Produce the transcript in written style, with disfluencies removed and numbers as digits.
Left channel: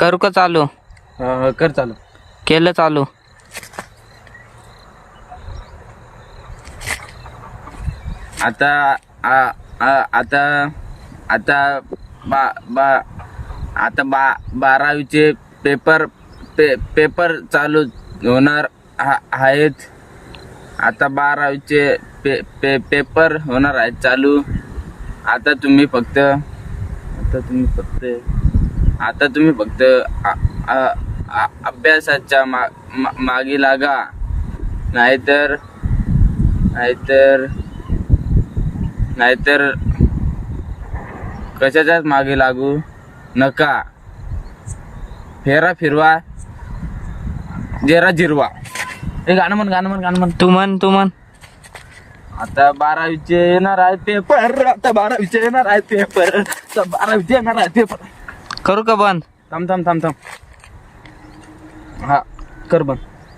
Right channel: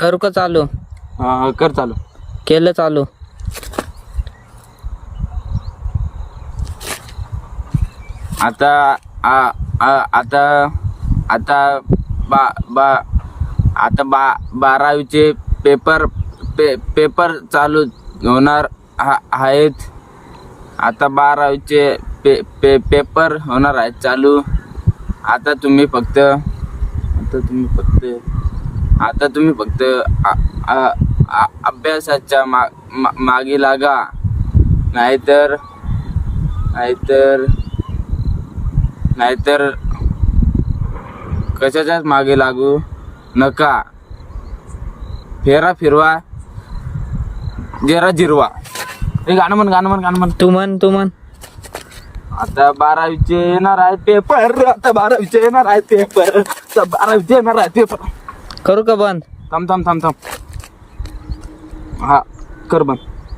करू का चालू? कर चालू. केलं चालू. आता आता आता बा बा आता 12वीचे पेपर चालू होणार आहेत. आता 12वीचे पेपर होणार आहेत चालू. आता तुम्ही फक्त अभ्यासाच्या मागे लागा. नाहीतर कशाच्याच मागे लागू नका. फेरा फिरवा जेरा जिरवा. हे गाणं म्हण. तू म्हण. आता 12वीचे येणार आहेत पेपर. करू का बंद? थांब. हा कर बंद.